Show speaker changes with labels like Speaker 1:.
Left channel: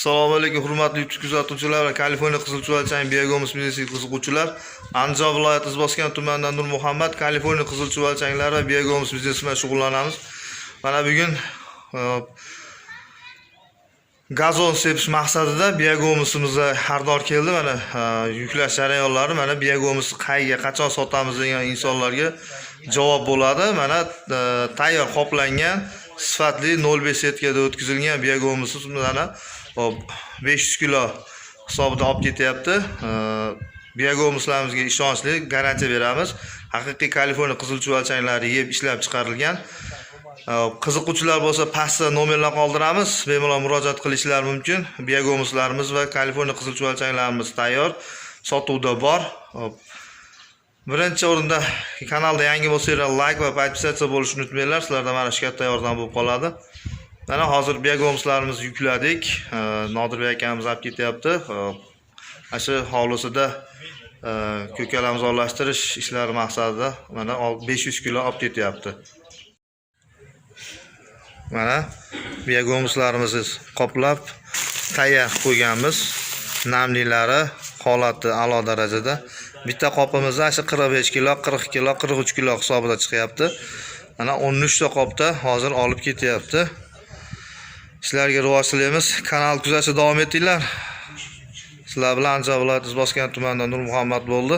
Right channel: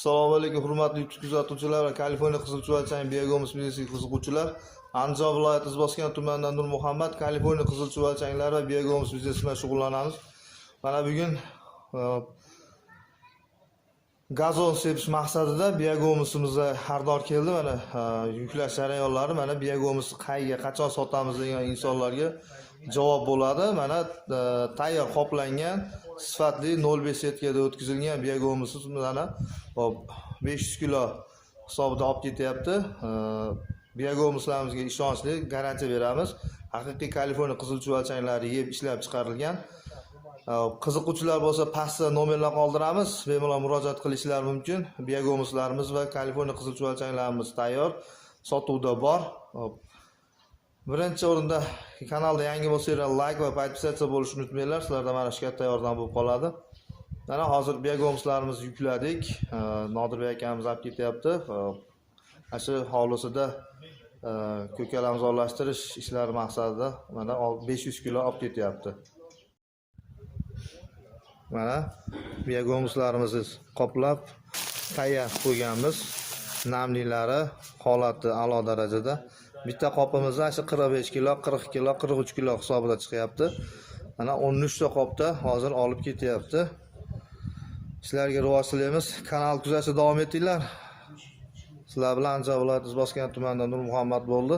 Speaker 1: Assalomu alaykum hurmatli YouTube kuzatuvchilar va Kaliforniya qizilchuvalchang biogomus biznesiga qiziquvchilar. Andijon viloyati Izboskan tumanidan Nur Muhammad Kaliforniya qizilchuvalchanglari va biogomus biznesi bilan shug'ullanamiz. Mana bugun e, gazon sepish maqsadida biogomusimizga xaridor keldi. Mana e, yuklash jarayonlari mana biogomusni qayga, qachon sotamiz degan insonlarga javob bo'ladi. Mana e, tayyor qoplangan sifatli 05 setkada o'tkazilgan Biagomusimiz mana hop 500 kilo hisobida olib ketyapti. E, ishonchli garantiya beramiz. Haqiqiy Kaliforniya qizilchuvalchanglari yeb ishlab chiqarilgan. Qiziquvchilar bo'lsa pastda nomerlar qoldiramiz bemalol murojaat qilishlari mumkin biagomuslarimiz va kaliforniya qizilchuvalchanglarimiz tayyor sotuvda bor Hop. Birinchi o'rinda kanalda yangi bo'lsanglar layk va podpisatsiya bo'lishni unutmanglar sizlardan mana shu katta yordam bo'lib qoladi mana hozir biagomuslarimizni yukladik nodirbek akamiz olib ketyapti mana shu hovlisida ko'kalamni ozorlashtirish ishlari maqsadida mana 500 kilo olib ketyapti mana biagomuslarimizni qoplab tayyor qo'yganmiz namlilari holati a'lo darajada bitta qopimizda shu 45 kilo 40 kilo 43 kilo hisobida chiqyapti. Mana 13 ta qopda hozir olib ketyapti. Sizlarga rivoj tilaymiz kanal kuzatishda davom etinglar sizlar bilan andijon viloyati izboskan tumanidan nur muhammad bo'ldi